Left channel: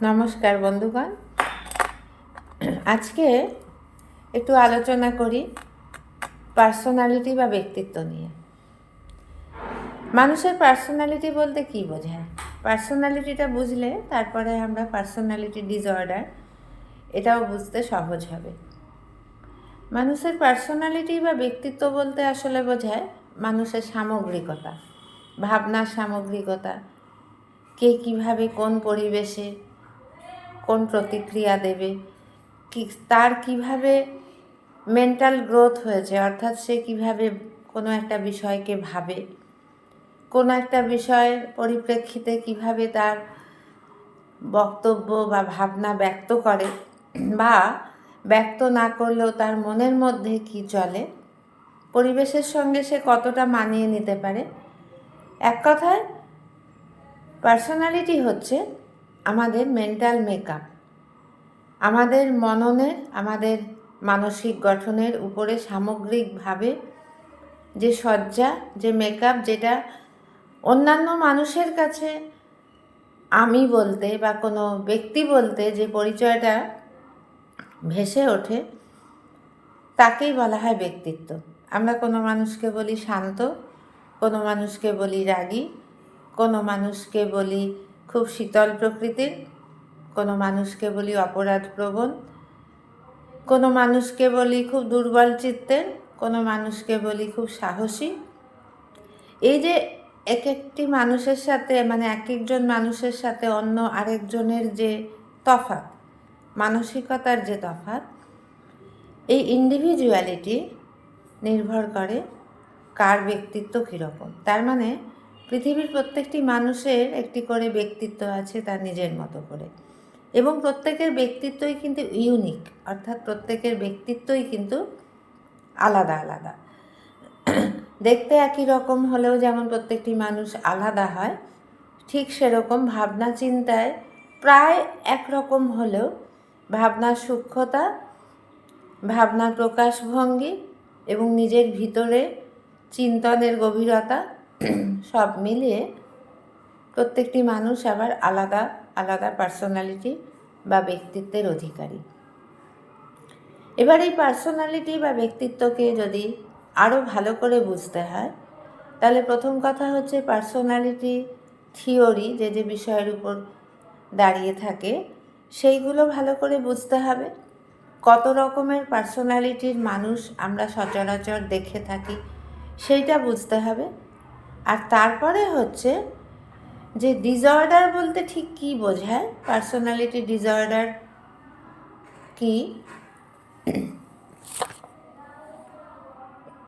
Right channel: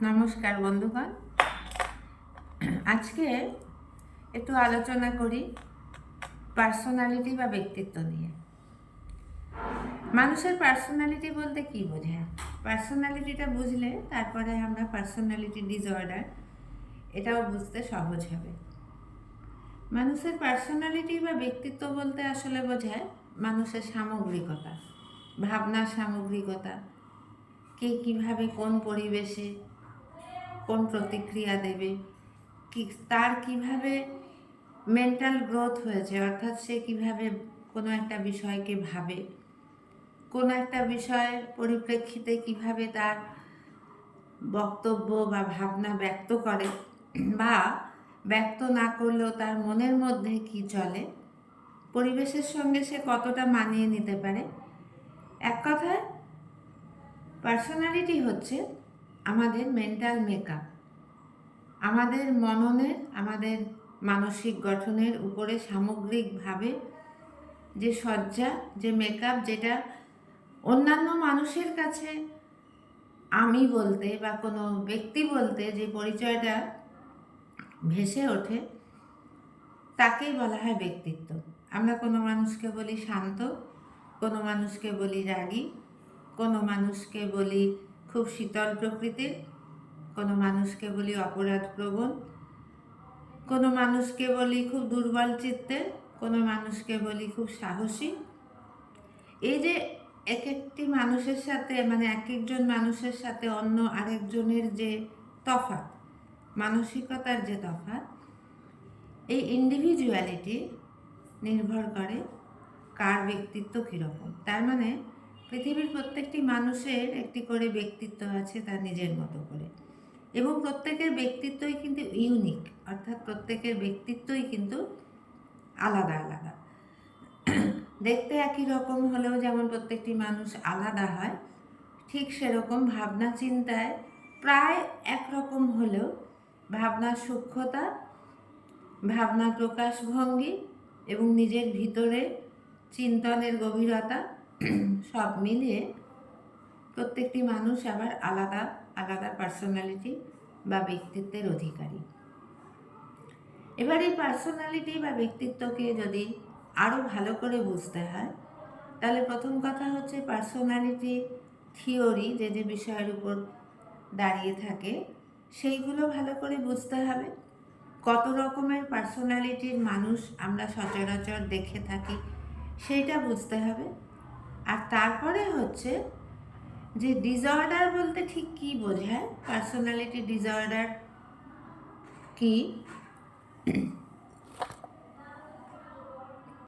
নমস্কার বন্ধুগণ। আজকে একটু আলোচনা করি পার্সোনালিটি বা ব্যক্তিত্ব নিয়ে। মানুষের পার্সোনালিটি বলতে কী বোঝায়? পার্সোনালিটিটা বুঝলে তারপরে আমরা পার্সোনালিটি ডিসঅর্ডার এটাও বুঝতে সহজ হবে। মানুষের পার্সোনালিটি বা ব্যক্তিত্ব বলতে আসলে বোঝায় মানুষের সামগ্রিকতা, ভাবনার সামগ্রিকতা, কে কীভাবে কোন পরিবেশে কোন প্রতিক্রিয়া দেবে, কি তার কিভাবে মেন্টাল গ্রোথ হয়েছে, অর্থাৎ সে কিভাবে কোনো একটা বিষয়কে ভাবে, কোনো একটা বিষয়ের পরিপ্রেক্ষিতে কিভাবে তার বক্তব্য বা ভাবনা ব্যক্ত করে, বা ব্যক্ত না করলেও তার মনের মধ্যে কি চলে, পরিবেশের সঙ্গে সে কতটা মানিয়ে নিতে পারে। এক কথায় পার্সোনালিটি হচ্ছে আমাদের মেন্টাল মেকআপ, আমাদের মননের, আমাদের মানসিক গঠনের উপরে সামগ্রিকভাবে যে সজ্জা, যে মেকআপ, যেটা অন্যান্য মানুষের কাছে আমি বলতে বা কোনো ব্যক্তি বলতে যে পরিচয়টা ভেসে ওঠে তাকেই বলা হয় ব্যক্তিত্ব। আমরা কোনো মানুষকে বলি শান্ত, কোনো মানুষকে বলি রাগী, কোনো মানুষকে বলি খুব শীতল প্রকৃতির, কোনো মানুষকে বলি অপরাধপ্রবণ, কোনো মানুষকে বলি খুব দুর্বল চিত্তের, কোনো মানুষকে বলি খুব সাহসী। এই যে এক একটি মানুষের সাথে, মানে এক একজন মানুষের সাথে অন্য আরেকজনের যে তফাৎ, মানসিকতার যে তফাৎ, এই ইন্ডিভিজুয়ালিটি নির্ভর করে কার ব্যক্তিত্ব কীরকম। তার মানে পৃথিবীর প্রত্যেকটি মানুষের একটি করে ব্যক্তিত্ব আছে তার নিজের মতো করে, এবং প্রত্যেকের ব্যক্তিত্বই কিন্তু ইউনিক, অর্থাৎ প্রত্যেকের ব্যক্তিত্বই কিন্তু আলাদা আলাদা। দেখতে একই রকম হলেও যেমন প্রত্যেকটি মানুষ আলাদা হয়, ঠিক সেরকম ভাবনা চিন্তায় প্রায় একরকম হলেও ভাবনার সূক্ষ্মতা, ভাবনার প্রকাশভঙ্গি এবং নিজের ভিতরে চিন্তনের গভীরতা সব মিলিয়ে প্রত্যেকটি মানুষ আবার আলাদা আলাদা পার্সোনালিটি বা ব্যক্তিত্বের অধিকারী। এবার এই পার্সোনালিটি বা ব্যক্তিত্বকে যদি আরও ভালো করে বুঝতে হয়, তাহলে প্রথম কথা হচ্ছে পার্সোনালিটি থিওরি যে যে বিষয়ের উপর দাঁড়িয়ে থাকে সেইগুলো ভালো করে বুঝতে হবে। কত রকমের পার্সোনালিটির মানুষ আমরা সচরাচর দেখে থাকি সেইটা বুঝতে হবে। আর তারপরে হচ্ছে যে ডিসঅর্ডার বলতে ঠিক কী বোঝায়, পার্সোনালিটি ডিসঅর্ডার কী,